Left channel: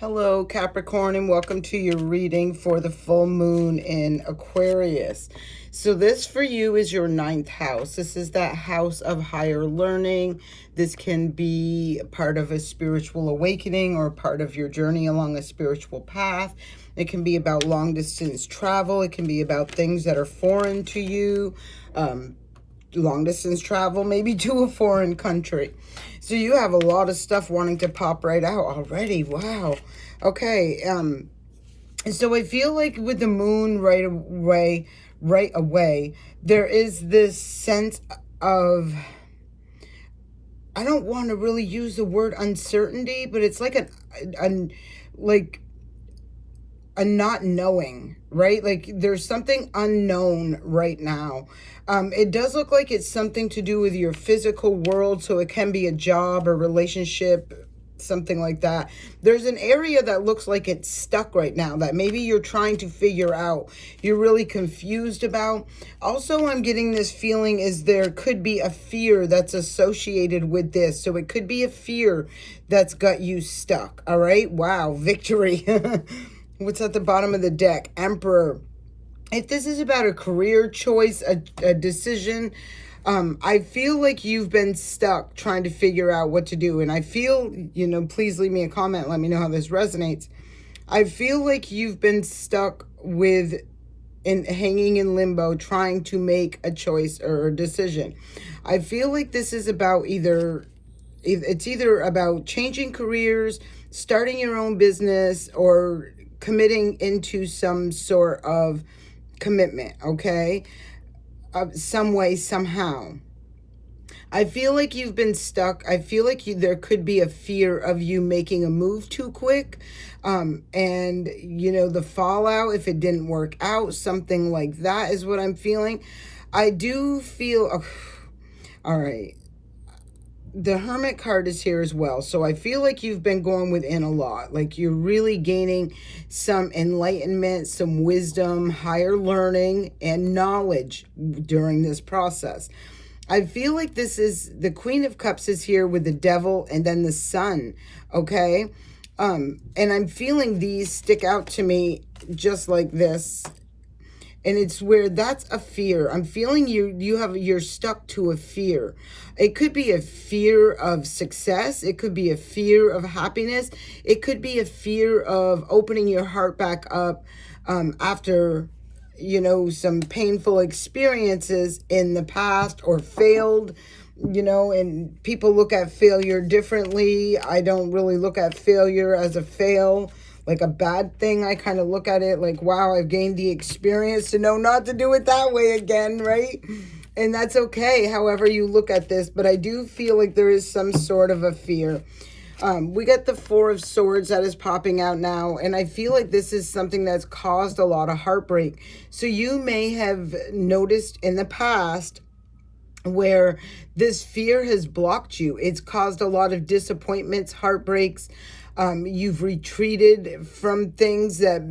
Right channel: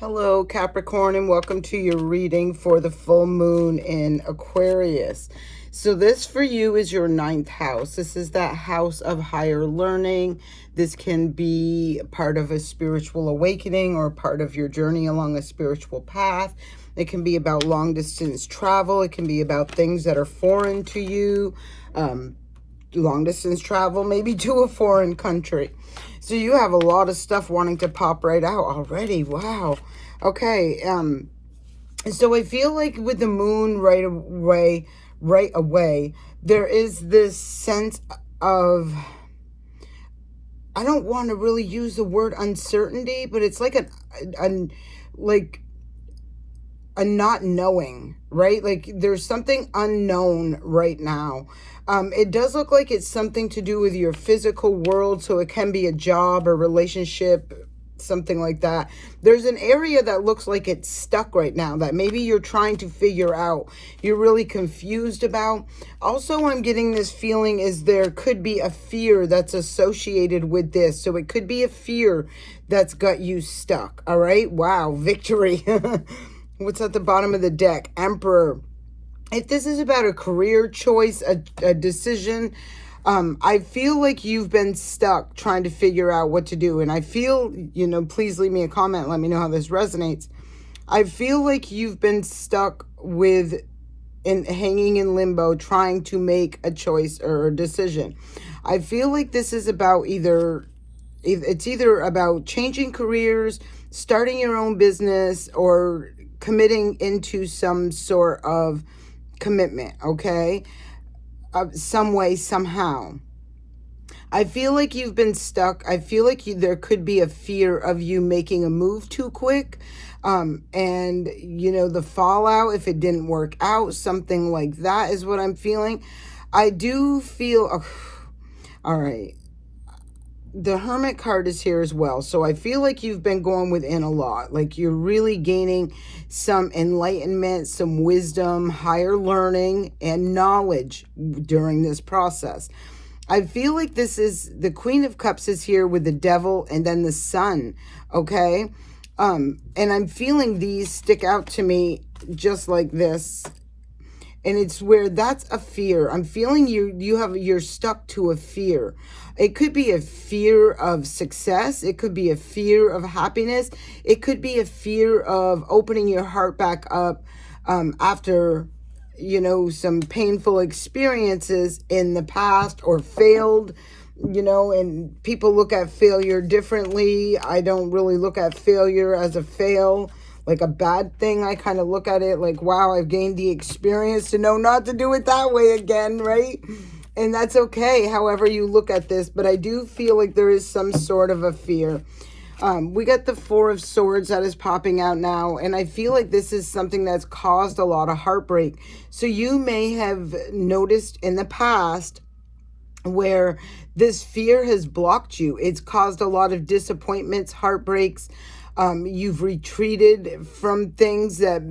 Hello, Capricorn, and welcome to your reading for the full moon in Aquarius. So this for you is your ninth house. This is that house of higher learning. This can be part of a spiritual awakening or part of your journey along a spiritual path. It can be about long distance travel. It can be about things that are foreign to you. Long distance travel, maybe to a foreign country. So you have a lot of stuff wanting to pop right out already. Wow. Okay. So I feel like with the moon right away, there is this sense of, I don't want to really use the word uncertainty, but it's like a not knowing, right? Like there's something unknown right now. It does look like it's something to do with your physical world. So it can be a job or relationship, something like that. There's an area that looks like it's stuck right now that maybe you're trying to figure out. You're really confused about. Also, I'm getting this feeling is there could be a fear that's associated with this. So it could be a fear that's got you stuck. All right. Wow. Victory. What's at the bottom of the deck? Emperor. If this is about a career choice, a decision, I feel like you've been stuck trying to figure out what to do. And I feel, please leave me a comment. Let me know how this resonates. I feel like you've been stuck hanging in limbo, trying to make a choice or a decision. I feel like this is about it's either about changing careers, starting your own business, or committing into some sort of commitment, okay? Some way, somehow. I feel like you've been stuck. I feel like there could be a fear of you making a move too quick. And, the fallout, if it didn't work out, something like that is what I'm feeling. I do feel, all right. The Hermit card is here as well. So I feel like you've been going within a lot. Like you're really gaining some enlightenment, some wisdom, higher learning, and knowledge during this process. I feel like this is the Queen of Cups is here with the Devil and then the Sun. Okay. And I'm feeling these stick out to me just like this. And it's where that's a fear. I'm feeling you're stuck to a fear. It could be a fear of success. It could be a fear of happiness. It could be a fear of opening your heart back up after, some painful experiences in the past or failed, and people look at failure differently. I don't really look at failure as a fail, like a bad thing. I kind of look at it like, wow, I've gained the experience to know not to do it that way again, right? And that's okay, however you look at this. But I do feel like there is some sort of a fear. We got the Four of Swords that is popping out now. And I feel like this is something that's caused a lot of heartbreak. So you may have noticed in the past where this fear has blocked you. It's caused a lot of disappointments, heartbreaks. You've retreated from things that,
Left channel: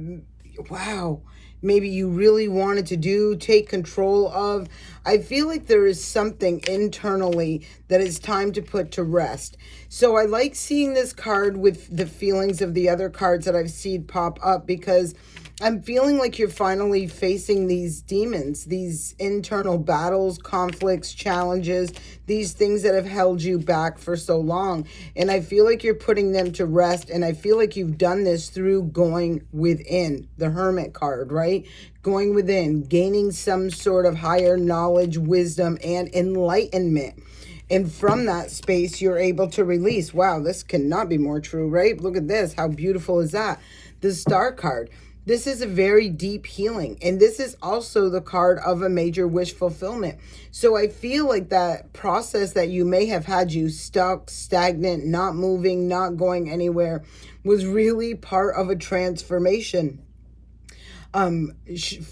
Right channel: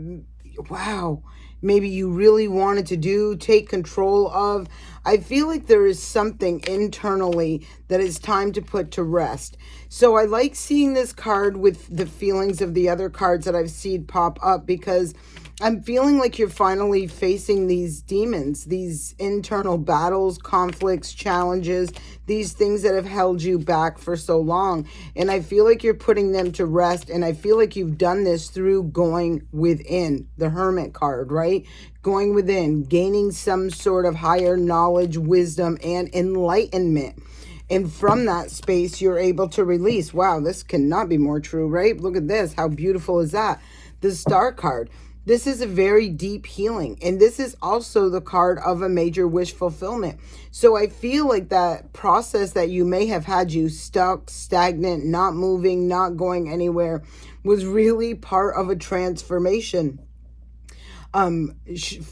wow, maybe you really wanted to do, take control of. I feel like there is something internally that is time to put to rest. So I like seeing this card with the feelings of the other cards that I've seen pop up, because I'm feeling like you're finally facing these demons, these internal battles, conflicts, challenges, these things that have held you back for so long. And I feel like you're putting them to rest. And I feel like you've done this through going within, the Hermit card, right? Going within, gaining some sort of higher knowledge, wisdom, and enlightenment. And from that space, you're able to release. Wow, this cannot be more true, right? Look at this. How beautiful is that? The Star card. This is a very deep healing. And this is also the card of a major wish fulfillment. So I feel like that process that you may have had you stuck, stagnant, not moving, not going anywhere, was really part of a transformation.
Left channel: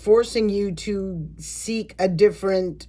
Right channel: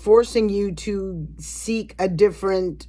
Forcing you to seek a different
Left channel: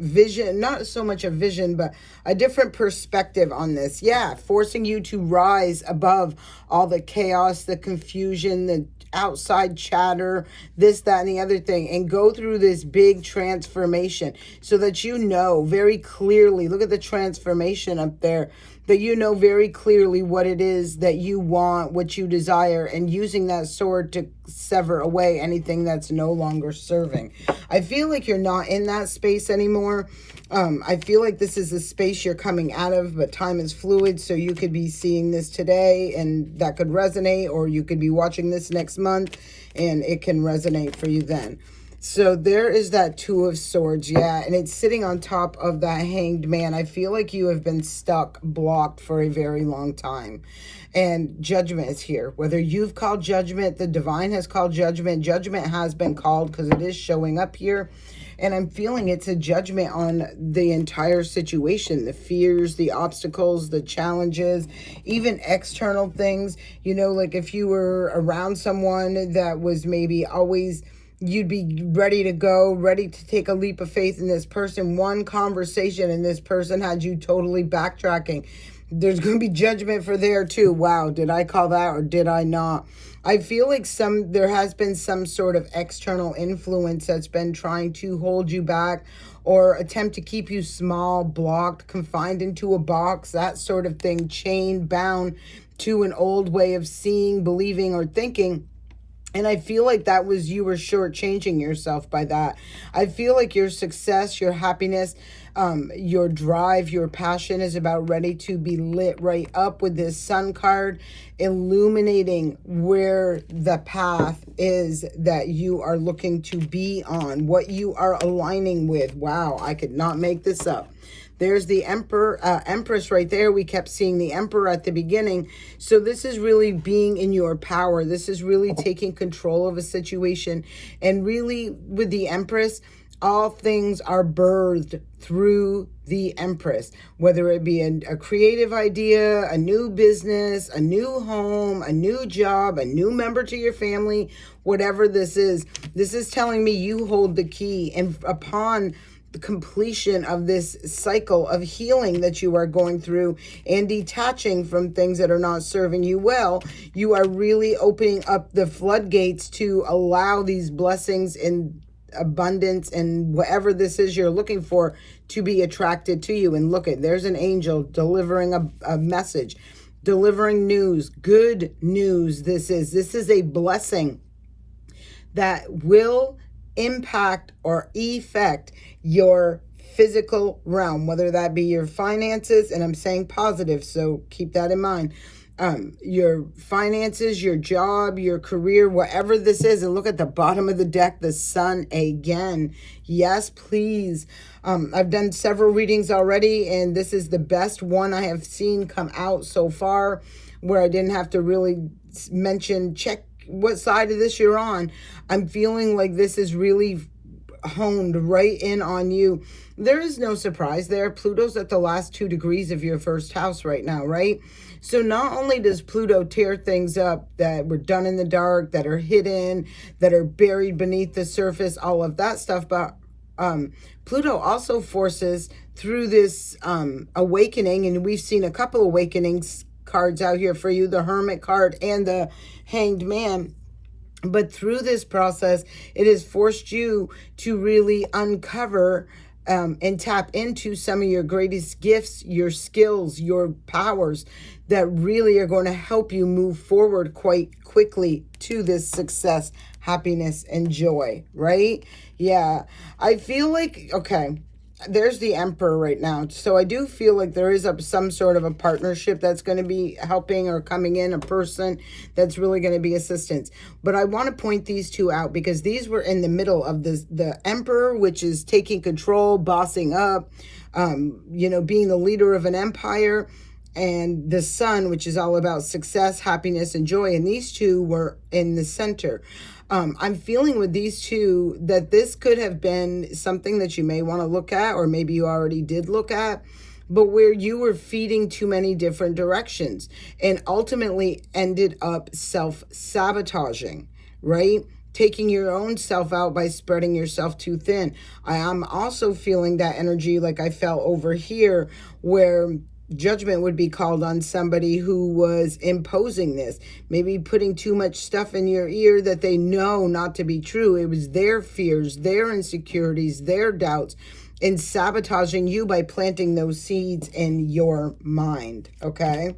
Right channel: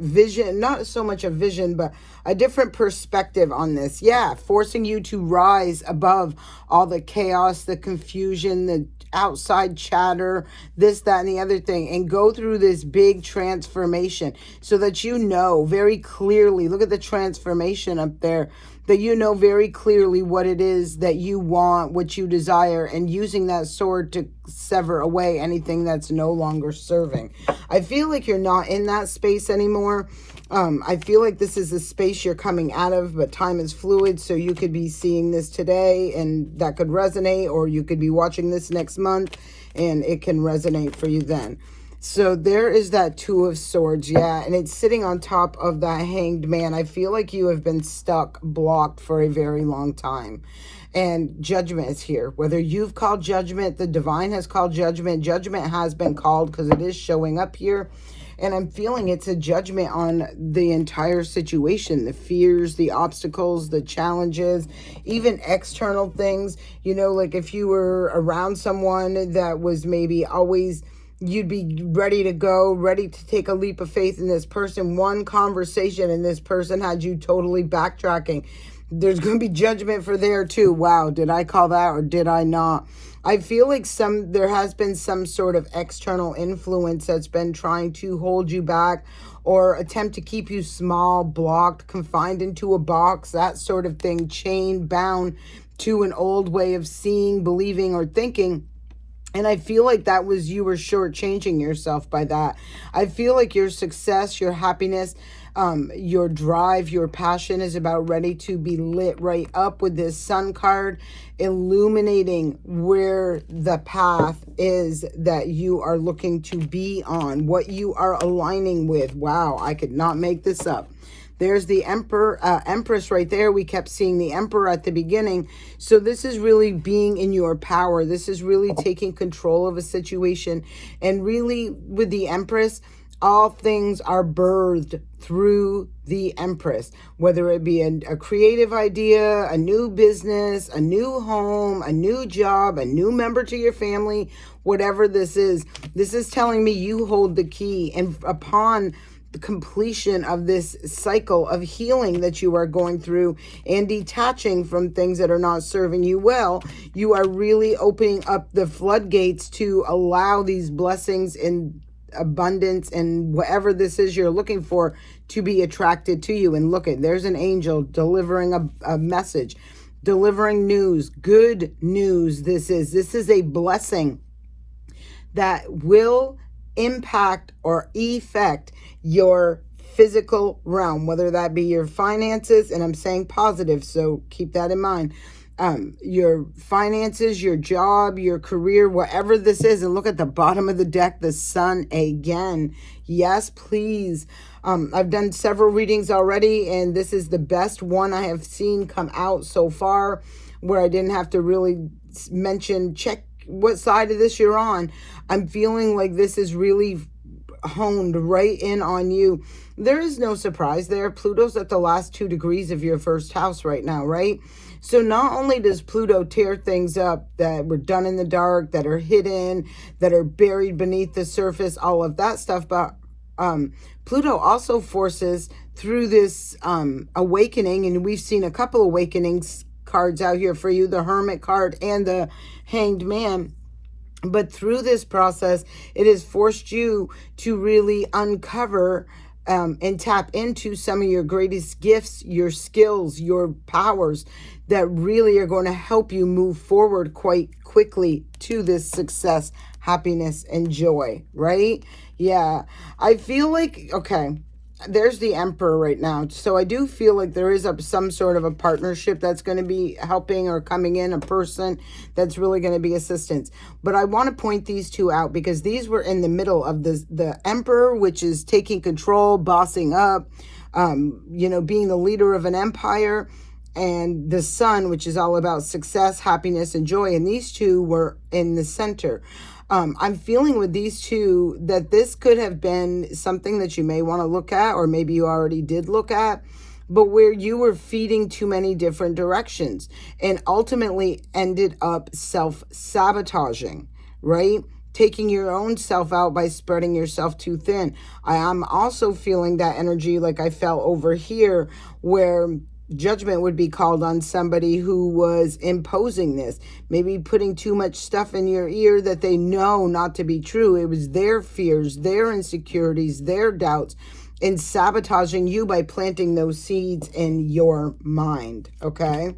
vision, not so much a vision, but a different perspective on this. Yeah, forcing you to rise above all the chaos, the confusion, the outside chatter, this, that, and the other thing, and go through this big transformation so that you know very clearly. Look at the transformation up there. that you know very clearly what it is that you want, what you desire, and using that sword to sever away anything that's no longer serving. I feel like you're not in that space anymore. I feel like this is a space you're coming out of, but time is fluid, so you could be seeing this today and that could resonate, or you could be watching this next month and it can resonate for you then. So there is that Two of Swords, yeah, and it's sitting on top of the Hanged Man. I feel like you have been stuck, blocked for a very long time. And Judgment is here. Whether you've called judgment, the divine has called judgment. Judgment has been called because it is showing up here. And I'm feeling it's a judgment on the entire situation, the fears, the obstacles, the challenges, even external things. You know, like if you were around someone that was maybe always, you'd be ready to go, ready to take a leap of faith in this person. One conversation and this person had you totally backtracking. There's going to be judgment for there too. Wow, did I call that or did I not? I feel like there has been some sort of external influence that's been trying to hold you back or attempt to keep you small, blocked, confined into a box, that sort of thing, chained, bound to an old way of seeing, believing, or thinking. And I feel like that was, you were shortchanging yourself by that. I feel like your success, your happiness, your drive, your passion is about ready to be lit right up with this Sun card, illuminating where the path is that you are looking to be on, what you are aligning with. Wow, I could not make this up. There's the Empress right there. We kept seeing the Emperor at the beginning. So this is really being in your power. This is really taking control of a situation. And really with the Empress, all things are birthed through the Empress, whether it be a creative idea, a new business, a new home, a new job, a new member to your family, whatever this is telling me you hold the key. And upon the completion of this cycle of healing that you are going through and detaching from things that are not serving you well, you are really opening up the floodgates to allow these blessings in abundance and whatever this is you're looking for to be attracted to you. And look at, there's an angel delivering a message, delivering news, good news. This is a blessing that will impact or affect your physical realm, whether that be your finances, and I'm saying positive, so keep that in mind. Your finances, your job, your career, whatever this is. And look at the bottom of the deck, the Sun again. Yes, please. I've done several readings already, and this is the best one I have seen come out so far, where I didn't have to really mention, check what side of this you're on. I'm feeling like this is really honed right in on you. There is no surprise there. Pluto's at the last 2 degrees of your first house right now, right? So not only does Pluto tear things up that were done in the dark, that are hidden, that are buried beneath the surface, all of that stuff, but Pluto also forces through this awakening, and we've seen a couple awakenings cards out here for you, the Hermit card and the Hanged Man. But through this process, it has forced you to really uncover and tap into some of your greatest gifts, your skills, your powers that really are going to help you move forward quite quickly to this success, happiness, and joy, right? Yeah, I feel like, okay, there's the Emperor right now. So I do feel like there is some sort of a partnership that's going to be helping or coming in, a person that's really going to be assistance. But I want to point these two out because these were in the middle of the Emperor, which is taking control, bossing up, being the leader of an empire, and the Sun, which is all about success, happiness, and joy. And these two were in the center. I'm feeling with these two that this could have been something that you may want to look at, or maybe you already did look at, but where you were feeding too many different directions and ultimately ended up self-sabotaging, right? Taking your own self out by spreading yourself too thin. I am also feeling that energy like I felt over here, where judgment would be called on somebody who was imposing this, maybe putting too much stuff in your ear that they know not to be true. It was their fears, their insecurities, their doubts, and sabotaging you by planting those seeds in your mind, okay?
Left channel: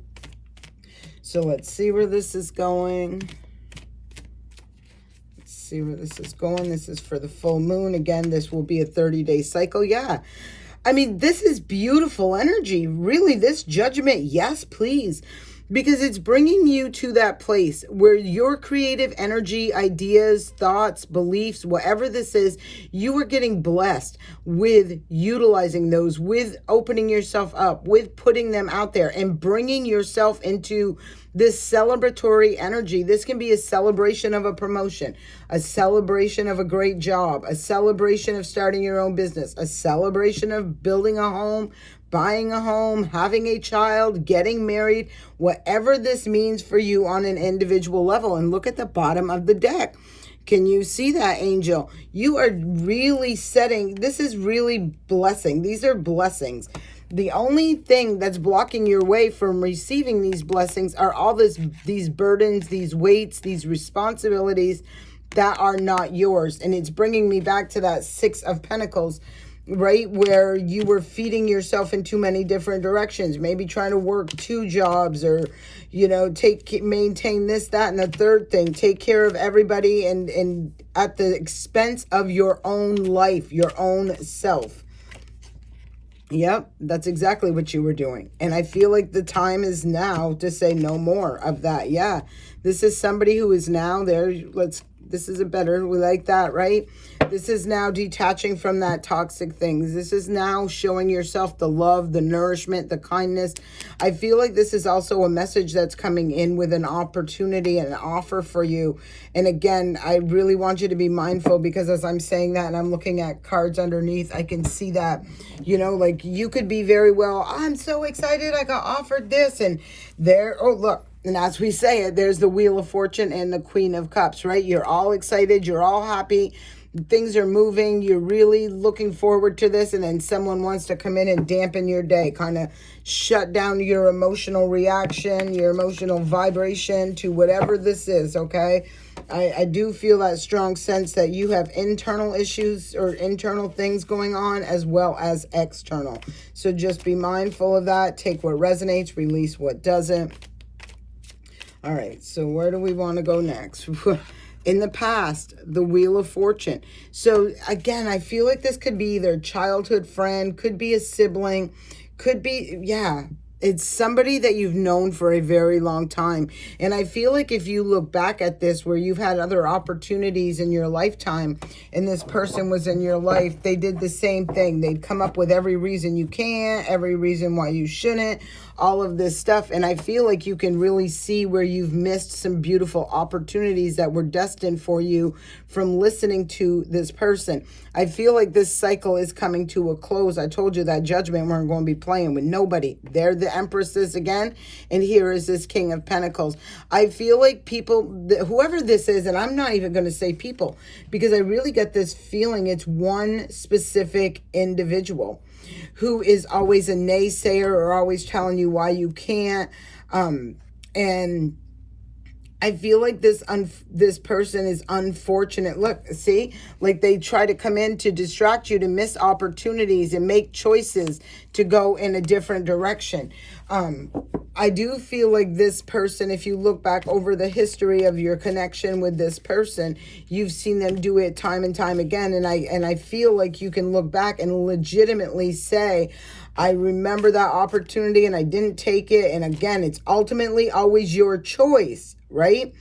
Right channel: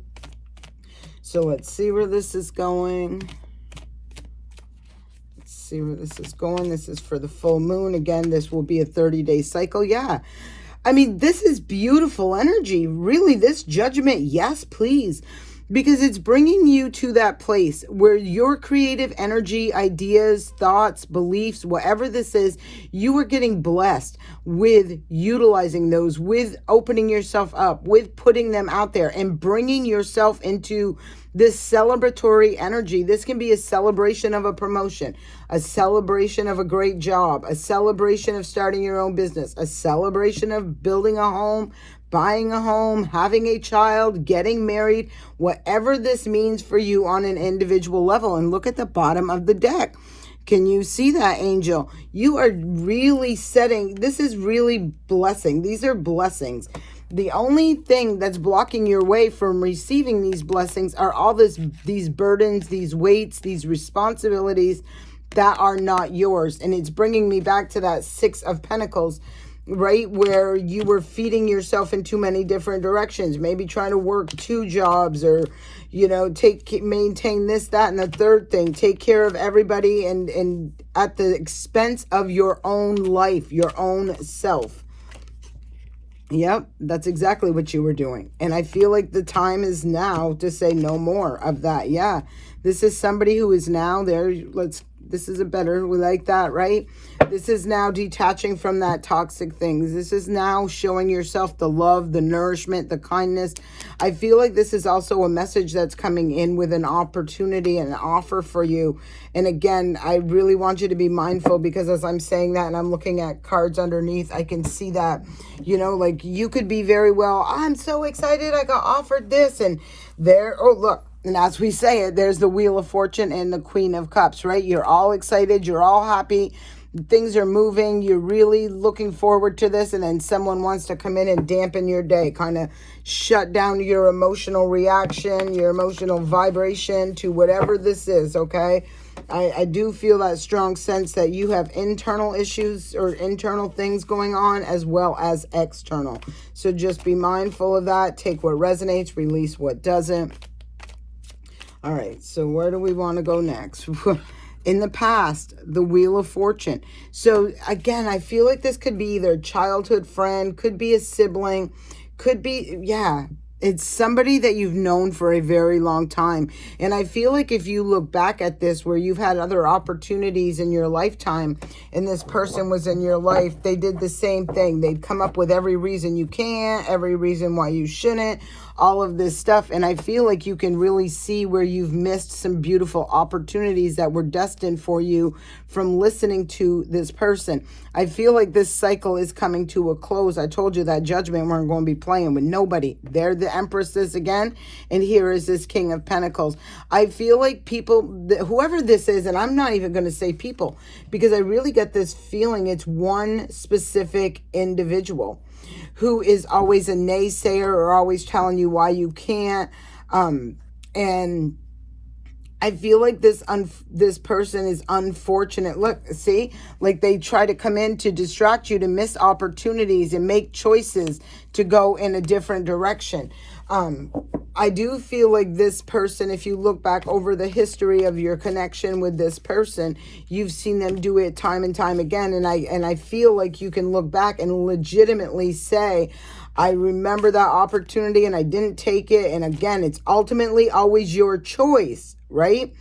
So let's see where this is going. Let's see where this is going. This is for the full moon. Again, this will be a 30-day cycle. Yeah. I mean, this is beautiful energy. Really, this judgment, yes, please. Because it's bringing you to that place where your creative energy, ideas, thoughts, beliefs, whatever this is, you are getting blessed with utilizing those, with opening yourself up, with putting them out there and bringing yourself into this celebratory energy. This can be a celebration of a promotion, a celebration of a great job, a celebration of starting your own business, a celebration of building a home, buying a home, having a child, getting married, whatever this means for you on an individual level. And look at the bottom of the deck. Can you see that, angel? You are really setting, this is really blessing. These are blessings. The only thing that's blocking your way from receiving these blessings are all these burdens, these weights, these responsibilities that are not yours. And it's bringing me back to that 6 of Pentacles, right? Where you were feeding yourself in too many different directions, maybe trying to work 2 jobs or, you know, maintain this, that, and the third thing, take care of everybody and at the expense of your own life, your own self. Yep, that's exactly what you were doing. And I feel like the time is now to say no more of that. Yeah, this is somebody who is now there. This is a better, we like that, right? This is now detaching from that toxic things. This is now showing yourself the love, the nourishment, the kindness. I feel like this is also a message that's coming in with an opportunity and an offer for you. And again, I really want you to be mindful, because as I'm saying that and I'm looking at cards underneath, I can see that, you know, like you could be very well, I'm so excited I got offered this, and there, oh, look. And as we say it, there's the Wheel of Fortune and the Queen of Cups, right? You're all excited. You're all happy. Things are moving. You're really looking forward to this. And then someone wants to come in and dampen your day, kind of shut down your emotional reaction, your emotional vibration to whatever this is, okay? I do feel that strong sense that you have internal issues or internal things going on as well as external. So just be mindful of that. Take what resonates, release what doesn't. All right, so where do we want to go next? In the past, the Wheel of Fortune. So again, I feel like this could be either a childhood friend, could be a sibling, could be, yeah, it's somebody that you've known for a very long time. And I feel like if you look back at this, where you've had other opportunities in your lifetime and this person was in your life, they did the same thing. They'd come up with every reason you can't, every reason why you shouldn't, all of this stuff. And I feel like you can really see where you've missed some beautiful opportunities that were destined for you from listening to this person. I feel like this cycle is coming to a close. I told you that Judgment weren't going to be playing with nobody. They're the Empresses again, and here is this King of Pentacles. I feel like people, whoever this is, and I'm not even going to say people, because I really get this feeling it's one specific individual who is always a naysayer or always telling you why you can't. And I feel like this person is unfortunate. Look, see, like they try to come in to distract you, to miss opportunities and make choices to go in a different direction. I do feel like this person, if you look back over the history of your connection with this person, you've seen them do it time and time again. And I feel like you can look back and legitimately say, I remember that opportunity and I didn't take it. And again, it's ultimately always your choice, right?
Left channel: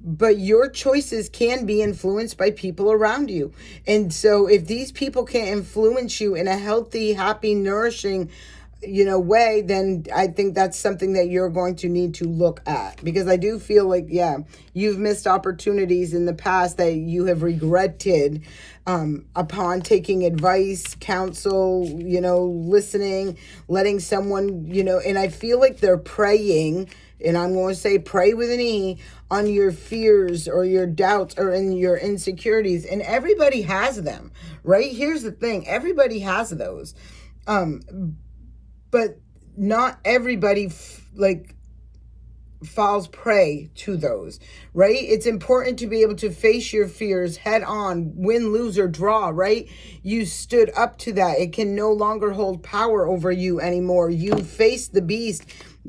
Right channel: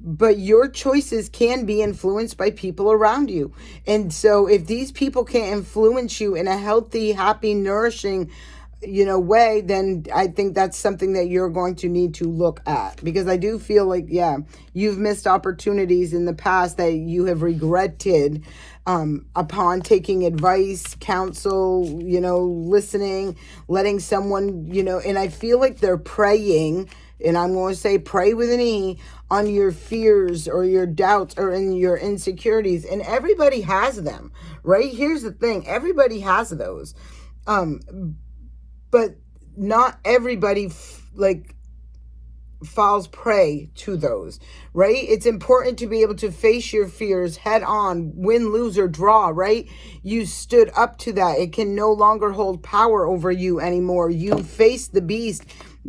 But your choices can be influenced by people around you. And so if these people can't influence you in a healthy, happy, nourishing, way, then I think that's something that you're going to need to look at. Because I do feel like, yeah, you've missed opportunities in the past that you have regretted upon taking advice, counsel, listening, letting someone, and I feel like they're preying, and I'm going to say pray with an E, on your fears or your doubts or in your insecurities. And everybody has them, right? Here's the thing. Everybody has those. But not everybody falls prey to those, right? It's important to be able to face your fears head on, win, lose, or draw, right? You stood up to that. It can no longer hold power over you anymore. You face the beast,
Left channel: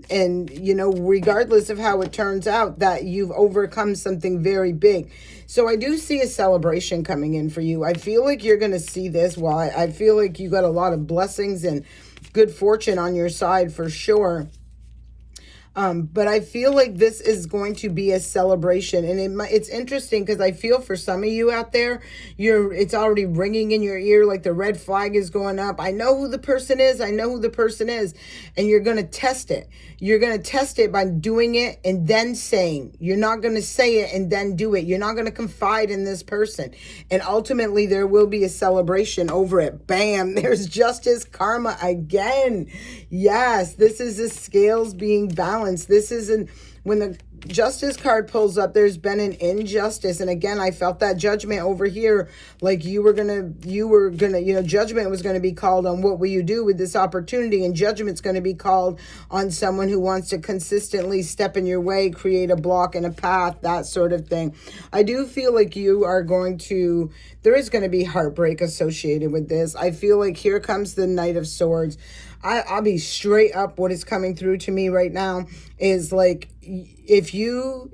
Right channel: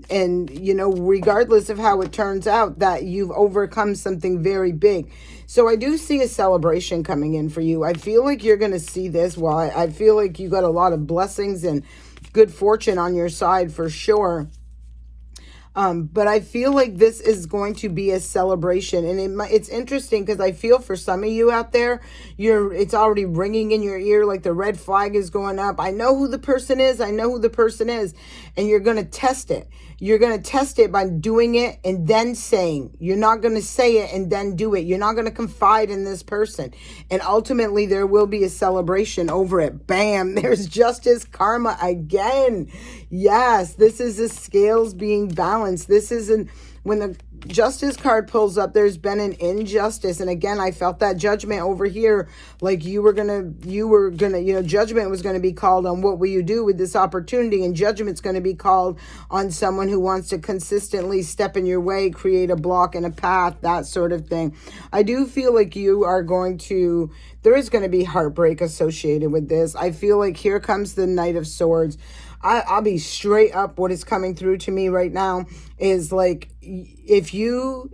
and, you know, regardless of how it turns out, that you've overcome something very big. So I do see a celebration coming in for you. I feel like you're going to see this. Well, I feel like you got a lot of blessings and good fortune on your side for sure. But I feel like this is going to be a celebration, and it's interesting because I feel for some of you out there, it's already ringing in your ear, like the red flag is going up. I know who the person is. I know who the person is, and you're going to test it. You're going to test it by doing it and then saying. You're not going to say it and then do it. You're not going to confide in this person, and ultimately there will be a celebration over it. Bam! There's justice, karma again. Yes, this is the scales being balanced. This isn't, when the justice card pulls up, there's been an injustice. And again, I felt that judgment over here, like you were gonna, you know, judgment was going to be called on what will you do with this opportunity, and judgment's going to be called on someone who wants to consistently step in your way, create a block and a path, that sort of thing. I do feel like you are going to, there is going to be heartbreak associated with this. I feel like here comes the Knight of Swords. I'll be straight up. What is coming through to me right now is like, if you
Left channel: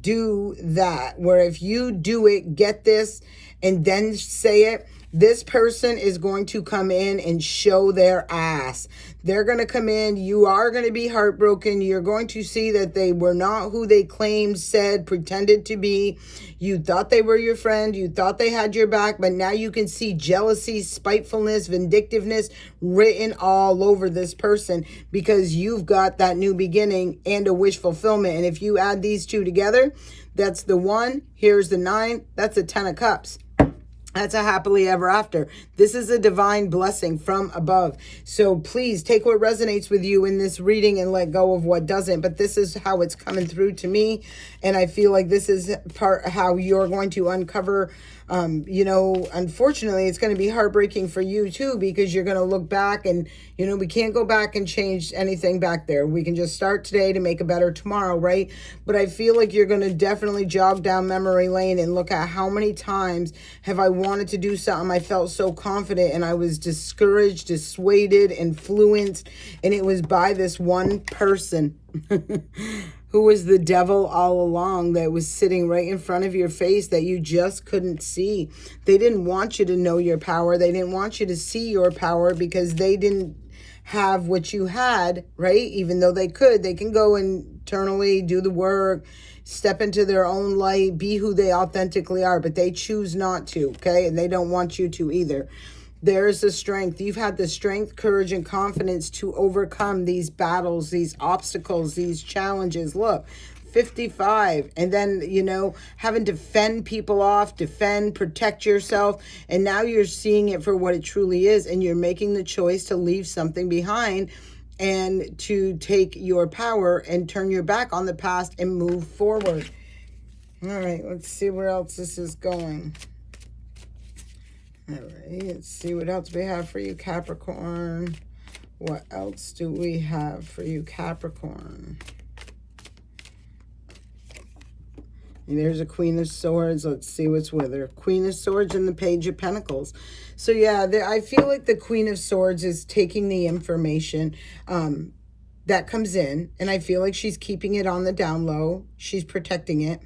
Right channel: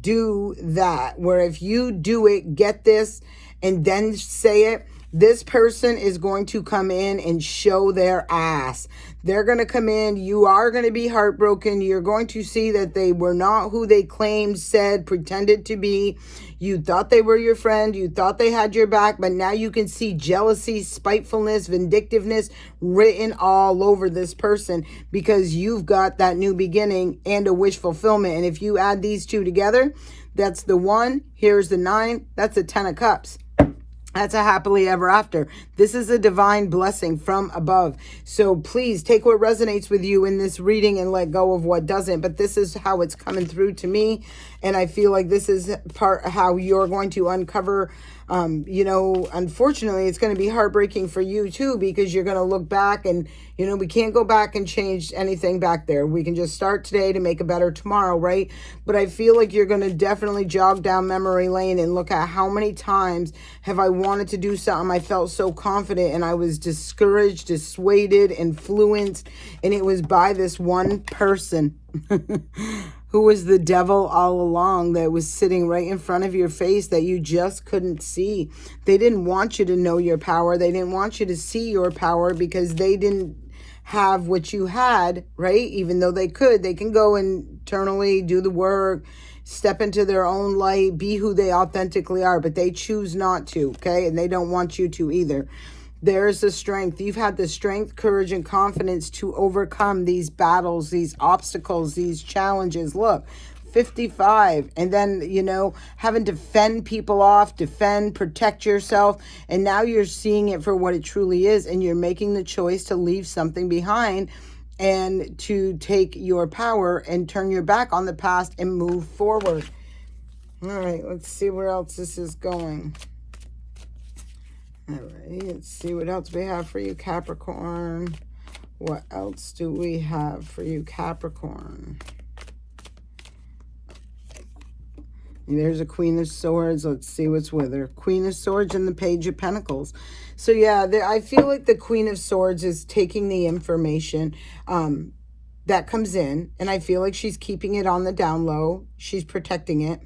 do that, where if you do it, get this, and then say it, this person is going to come in and show their ass. They're going to come in. You are going to be heartbroken. You're going to see that they were not who they claimed, said, pretended to be. You thought they were your friend. You thought they had your back, but now you can see jealousy, spitefulness, vindictiveness written all over this person, because you've got that new beginning and a wish fulfillment. And if you add these two together, that's the 1. Here's the 9. That's a 10 of Cups. That's a happily ever after. This is a divine blessing from above. So please take what resonates with you in this reading and let go of what doesn't. But this is how it's coming through to me. And I feel like this is part how you're going to uncover, you know, unfortunately, it's going to be heartbreaking for you too, because you're going to look back and, you know, we can't go back and change anything back there. We can just start today to make a better tomorrow, right? But I feel like you're going to definitely jog down memory lane and look at how many times have I wanted to do something. I felt so confident and I was discouraged, dissuaded, influenced, and it was by this one person who was the devil all along, that was sitting right in front of your face that you just couldn't see. They didn't want you to know your power. They didn't want you to see your power because they didn't have what you had, right? Even though they could, they can go internally, do the work, step into their own light, be who they authentically are, but they choose not to, okay? And they don't want you to either. There's the strength. You've had the strength, courage, and confidence to overcome these battles, these obstacles, these challenges. Look, 55. And then, you know, having to fend people off, defend, protect yourself. And now you're seeing it for what it truly is. And you're making the choice to leave something behind and to take your power and turn your back on the past and move forward. All right, let's see where else this is going. All right, let's see what else we have for you, Capricorn. What else do we have for you, Capricorn? And there's a Queen of Swords. Let's see what's with her. Queen of Swords and the Page of Pentacles. So yeah, I feel like the Queen of Swords is taking the information that comes in, and I feel like she's keeping it on the down low. She's protecting it.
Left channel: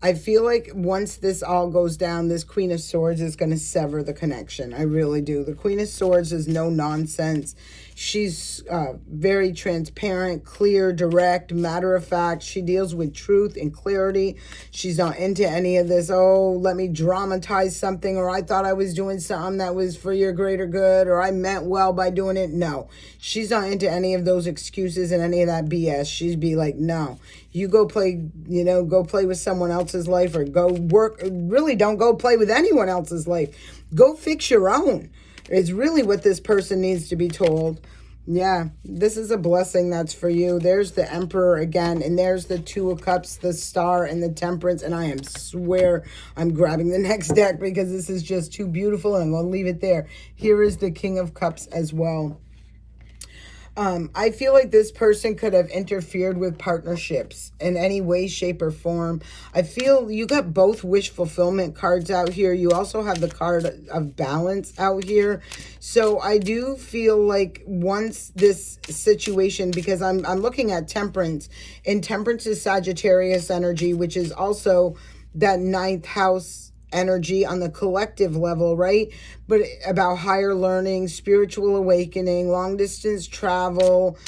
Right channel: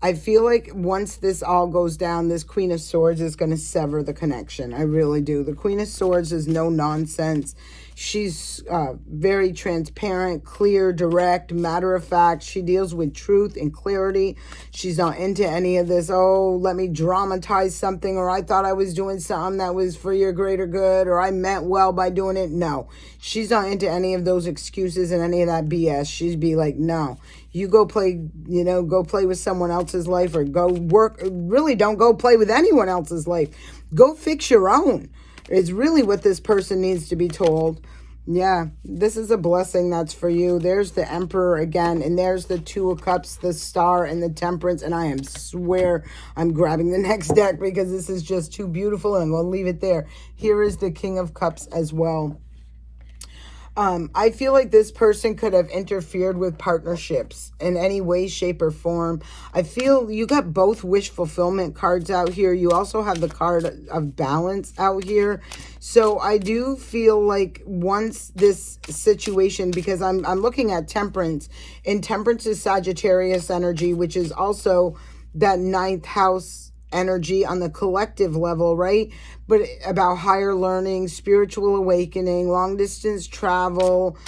I feel like once this all goes down, this Queen of Swords is going to sever the connection. I really do. The Queen of Swords is no nonsense. She's very transparent, clear, direct, matter of fact. She deals with truth and clarity. She's not into any of this, oh, let me dramatize something, or I thought I was doing something that was for your greater good, or I meant well by doing it. No, she's not into any of those excuses and any of that BS. She'd be like, no, you go play, you know, go play with someone else's life, or go work. Really don't go play with anyone else's life. Go fix your own. It's really what this person needs to be told. Yeah, this is a blessing that's for you. There's the Emperor again, and there's the Two of Cups, the Star, and the Temperance. And I swear I'm grabbing the next deck because this is just too beautiful, and we'll leave it there. Here is the King of Cups as well. I feel like this person could have interfered with partnerships in any way, shape, or form. I feel you got both wish fulfillment cards out here. You also have the card of balance out here. So I do feel like once this situation, because I'm looking at temperance, and temperance is Sagittarius energy, which is also that ninth house energy on the collective level, right? But about higher learning, spiritual awakening, long distance travel,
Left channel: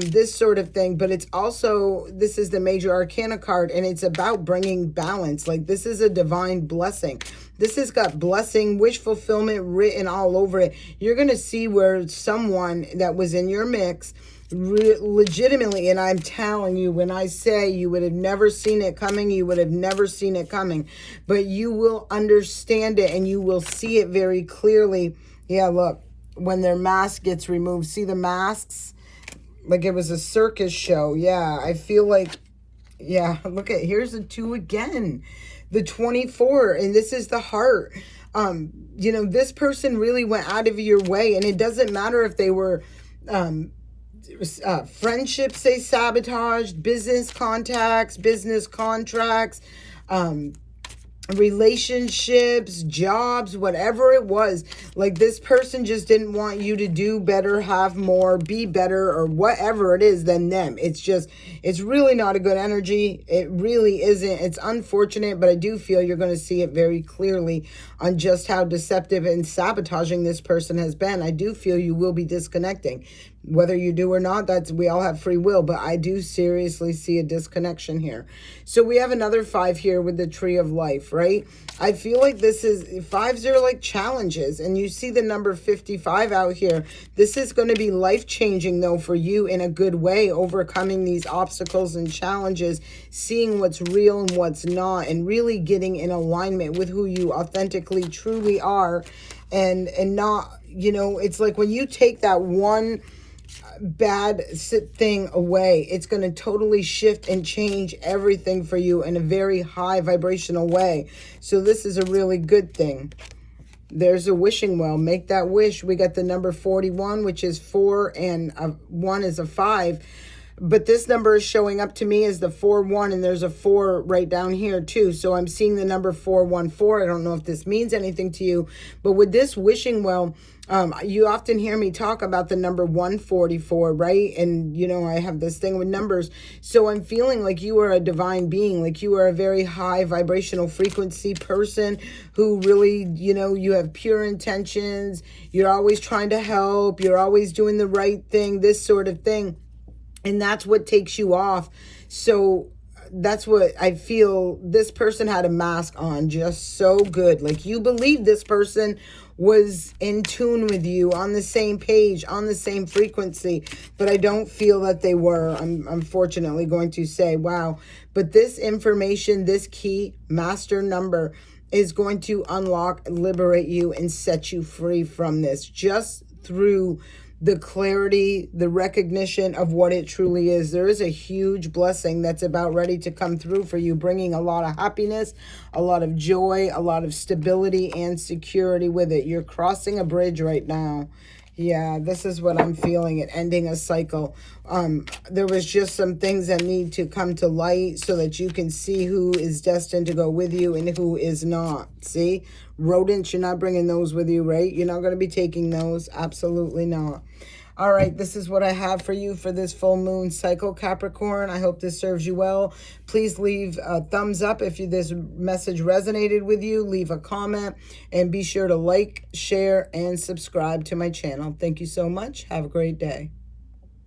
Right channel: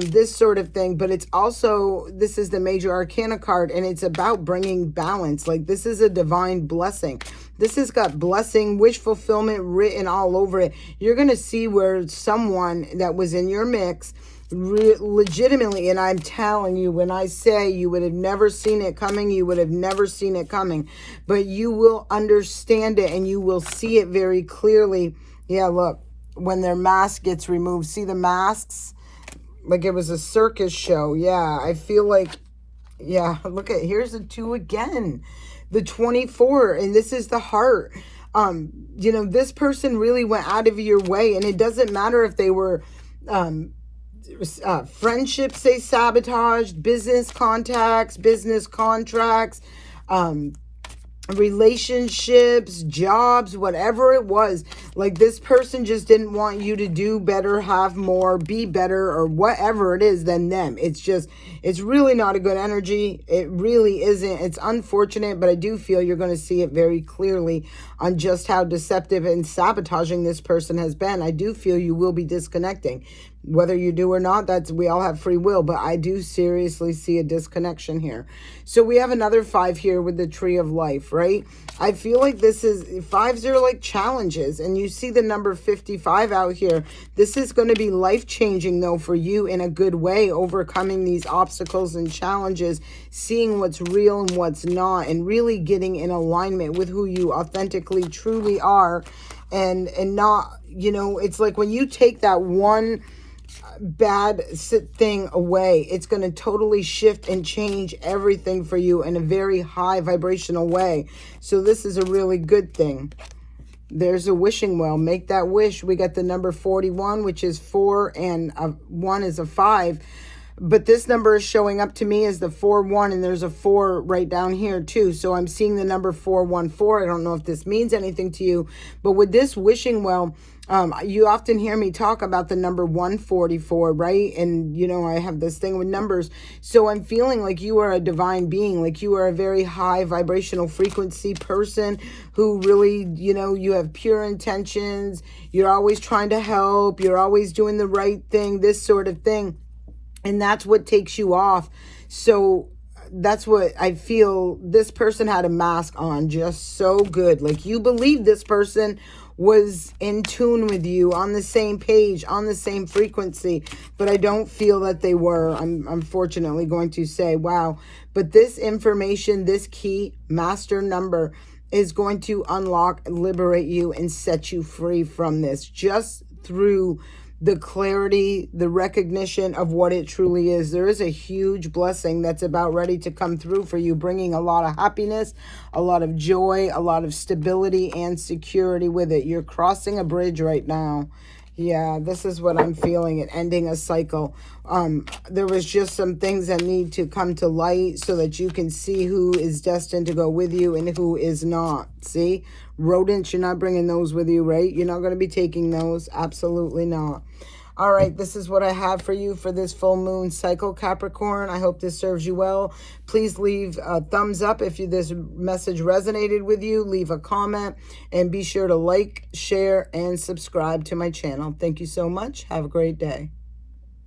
this sort of thing. But it's also, this is the major arcana card, and it's about bringing balance. Like, this is a divine blessing. This has got blessing, wish fulfillment written all over it. You're going to see where someone that was in your mix legitimately, and I'm telling you, when I say you would have never seen it coming, you would have never seen it coming, but you will understand it and you will see it very clearly. Yeah, look, when their mask gets removed, see the masks? Like it was a circus show. Yeah, I feel like, yeah, look at, here's the 2 again, the 24, and this is the heart. You know, this person really went out of your way, and it doesn't matter if they were, friendships they sabotaged, business contacts, business contracts, relationships, jobs, whatever it was. Like, this person just didn't want you to do better, have more, be better, or whatever it is than them. It's just, it's really not a good energy. It really isn't. It's unfortunate, but I do feel you're going to see it very clearly on just how deceptive and sabotaging this person has been. I do feel you will be disconnecting. Whether you do or not, that's, we all have free will, but I do seriously see a disconnection here. So we have another 5 here with the tree of life, right? I feel like this is, 5s are like challenges, and you see the number 55 out here. This is going to be life-changing, though, for you in a good way, overcoming these obstacles and challenges, seeing what's real and what's not, and really getting in alignment with who you authentically, truly are, and not, you know, it's like when you take that one bad thing away, it's going to totally shift and change everything for you in a very high vibrational way. So this is a really good thing. There's a wishing well. Make that wish. We got the number 41, which is 4, and 1 is a 5. But this number is showing up to me as the 4-1, and there's a 4 right down here too. So I'm seeing the number 414. I don't know if this means anything to you, but with this wishing well, you often hear me talk about the number 144, right? And, you know, I have this thing with numbers. So I'm feeling like you are a divine being, like you are a very high vibrational frequency person who really, you know, you have pure intentions. You're always trying to help. You're always doing the right thing, this sort of thing. And that's what takes you off. So that's what I feel. This person had a mask on just so good. Like, you believe this person was in tune with you, on the same page, on the same frequency, but I don't feel that they were. I'm unfortunately going to say, wow. But this information, this key master number is going to unlock, liberate you, and set you free from this, just through the clarity, the recognition of what it truly is. There is a huge blessing that's about ready to come through for you, bringing a lot of happiness, a lot of joy, a lot of stability and security with it. You're crossing a bridge right now. Yeah, this is what I'm feeling, and ending a cycle. There was just some things that need to come to light so that you can see who is destined to go with you and who is not. See? Rodents, you're not bringing those with you, right? You're not going to be taking those. Absolutely not. All right, this is what I have for you for this full moon cycle, Capricorn. I hope this serves you well. Please leave a thumbs up if this message resonated with you. Leave a comment, and be sure to like, share, and subscribe to my channel. Thank you so much. Have a great day.